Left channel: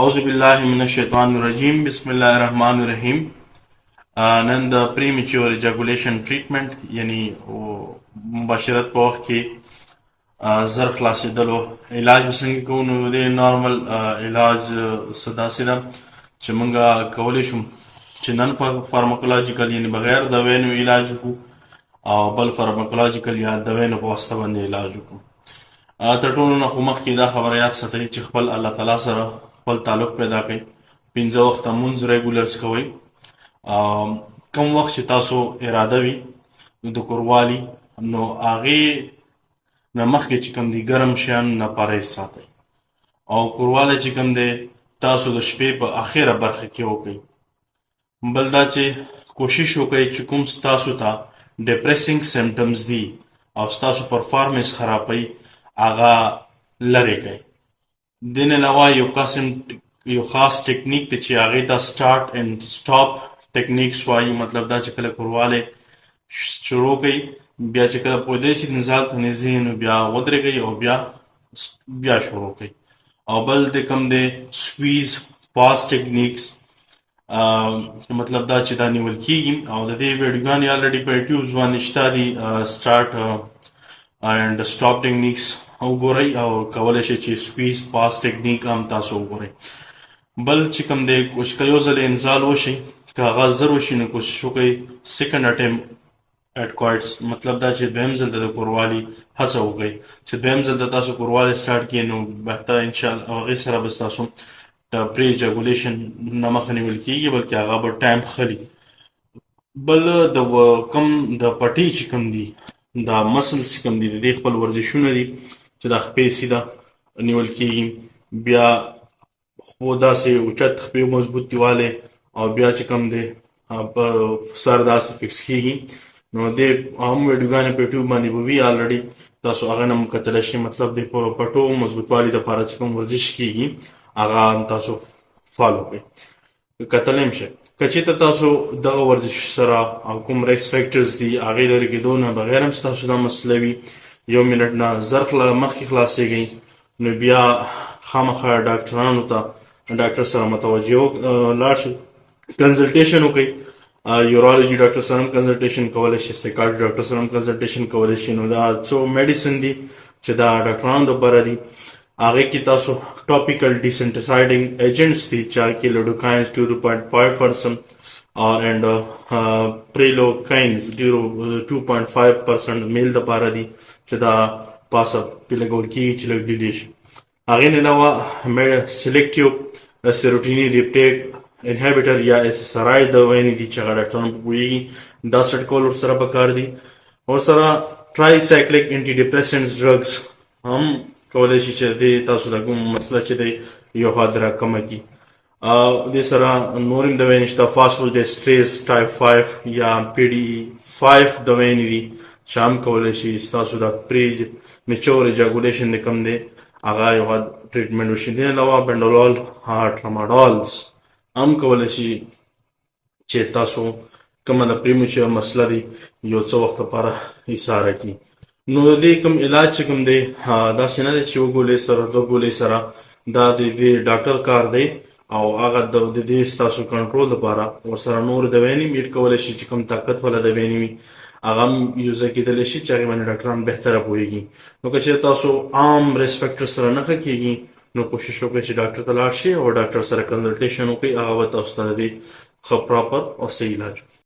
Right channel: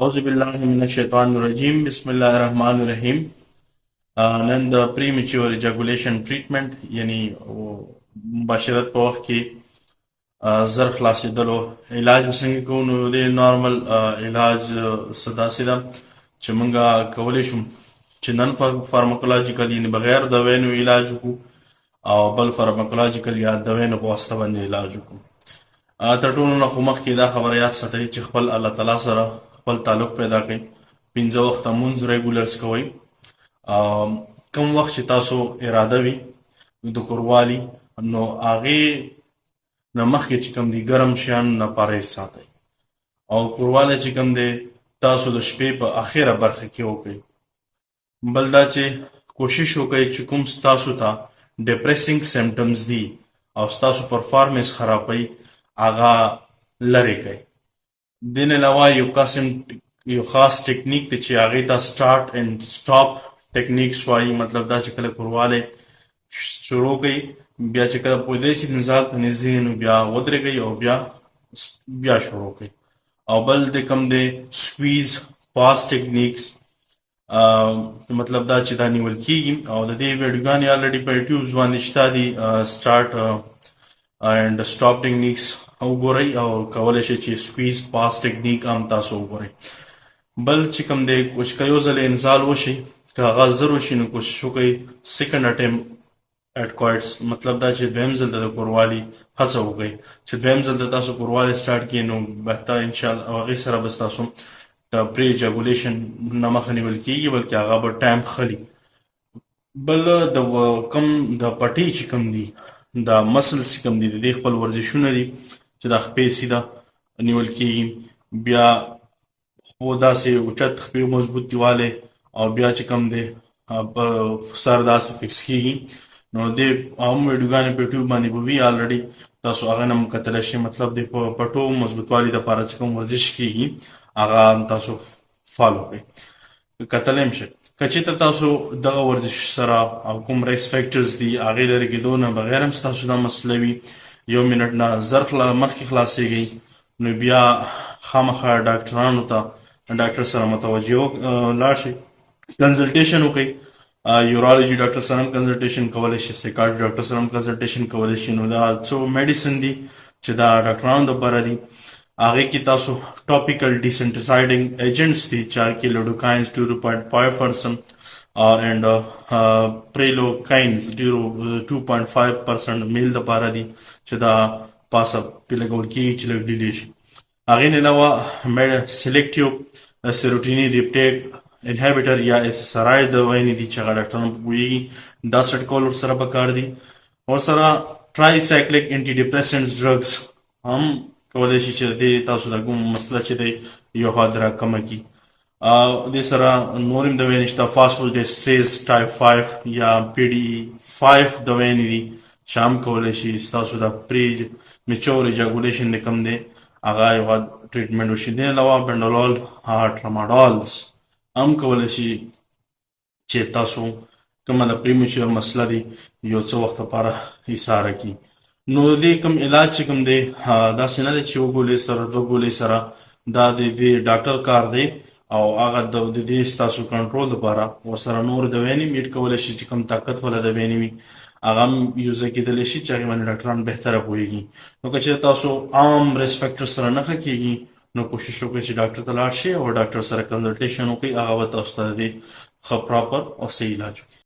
اعوذ بالله من الشیطان الرجیم بسم الله الرحمن الرحیم. نن د پریمیچور ایجاکولیشن ټریټمنټ یعنی مباشرت په وخت کې زر خلاصېدلو علاج به څنګه کوو. نو د نارمل علاج څه داسې ده چې موږ کولی شو چې نن فارماکولوژیکل یعنی بغیر د وینو علاج وکړو او بل فارماکولوژیکل یا د وینو په واسطه باندې علاج وکړو. تر ټولو نه خو مخکې دا خبره یاد ساتئ چې خپل الله تعالی سره خپل تعلق پیدا کړئ. 5 وخته مونځ ریګولرز کوئ. کم وخت چې تاسو اراده وي د کوروالي نو هغې نه مخکې چې کوم دي ګرم شیان نه پرهیز ساتئ او کوروالی چې کوم دی تاسو د شپې په اخره برخه کې وکړئ. بل دا چې کوشش وکړئ چې کوم ستاسو ته ډپریسنګ سمټمز دي او ستاسو پرفارمنس خرابوي هغه لرې کړئ. دې نه علاوه یو خاص ټکنیک دی چې هغې ته سټارټ اینډ سټاپ ټکنیکس وایي. مطلب دا چې کله کوروالی شروع کوي بیا چې کله پوهېدئ چې نزال ته نږدې نو بیا ودرېږئ او بیا شروع کوئ. او بل د کوم دی سکویز پاس ټکنیکس، مطلب دا چې دا نیول کېږي او د دې ویډیوګانې الریډي په یوټیوب باندې شته دي. سټارټ اینډ سټاپ ټکنیکس وګورئ او کولی شئ چې سکویز پاس ټکنیک هم تاسو وګورئ. بل چې کوم دی که یو ځل انزال وشي که هغه زر وشي نو کوشش وکړئ سیکنډ اټیم ایټ کوایټس، مطلب دا چې دویم ځل د کوروالي هڅه وکړئ چې دویم ځل د تاسو کوروالي سټارټ کړئ نو بهتر انشاءالله او هغې سره به ستاسو پری ایجاکولیشن نه مخه نیول کېږي بلکې هغه به ټایم خلي. بل د کم د پټۍ چې کوم دي دا مسلز چې کوم دي د دې خپل ورزشونه دي چې دا خپې سیده نیول کېږي، بیا خپو داسې اوچت خپې مضبوطي والی او بیا چې کوم دی په سر داسې فکس کېږي. نو دې هم ویډیوګانې په یوټیوب باندې به وي الریډي، تاسو هغه نه هم کتلی شئ. مطلب دی په پټو مضبوطوالي دپاره چې کوم ورزش کېږي هغه هم تاسو فالو کړئ، کتلی هم شئ. که چېرته تاسو دغه ورزش سره او کوم ریس فیکټرز دي هغې لرې کېدو نه بغیر هم ستاسو دا مسله وي 1 منټ نه زر مخکې خلاصېږئ نو بیا خامخا ډاکټرانو ته ډاکټر سره متوجه لاړ شئ، کنسلټیشن وکړئ. یورالوجي ډاکټر سره هم کنسلټیشن کولی شئ، سایکاټري ډاکټر سره هم کنسلټیشن کولی شئ. نو دا څو میډیسن دي چې دا ډاکټرانو دپاره دي هغې کې تاسو ټاپیکل ډیسنټسایډنګ ایجنټس دي چې هغې کې لوډوکاینز 2.5% اینډ پریلوکاینز 2.5% میل دپاره دي چې دا پاسه پې لګول کېږي چې لږ ډیډې شي. هغې نه علاوه سلیکټیو سیروټیني ریپټیک انهیبیټر یا SSRI دوايانې دي چې هغه ډاکټران په پوهېږي دا سیټ کول ورسره پکار دي. ورسره ټرای سایکلیک انټي ډپریسنټس ډرګس هم کولی شي چې دې تاسو د کوم مسله چې دی یو حادره کمه کړي. دې سره نور هم دوايانې شته، فاسفوډیسټریز ټایپ 5 یا PD5 دوايانې دي چې هم کولی شي ستاسو د پری میچور ایجاکولیشن د کوم دی هغه یو ټریټمنټ وشي. دې علاوه بنډولول ټراماډولز هم کولی شي چې تاسو کومه د پریمیچور مسله دی یو څه وخت لپاره ایساره کړي. نو د دې کوم علاج چې کوم دی داسې نه دی چې یو ګولۍ سره 2 ګولۍ سره، دا د دې ډاکټر کار دی او هغه د دې ستاسو کنټرول لپاره ورسره نور دوايانې میډ کولی شي چې کوم طاقت والا دوايانې وي هغه هم یوزه کېدلی شي چې هغې باندې ډاکټران بهتره پوهېږي. نو که چېرې تاسو عام ریسک فیکټر سره نه ښه کېږي نو کوشش وکړئ چې ډاکټر ته لاړ شئ او ډاکټر سره کنسلټیشن وکړئ، هغه به تاسو ته د دې ښه پراپر او صحیح علاج وکړي.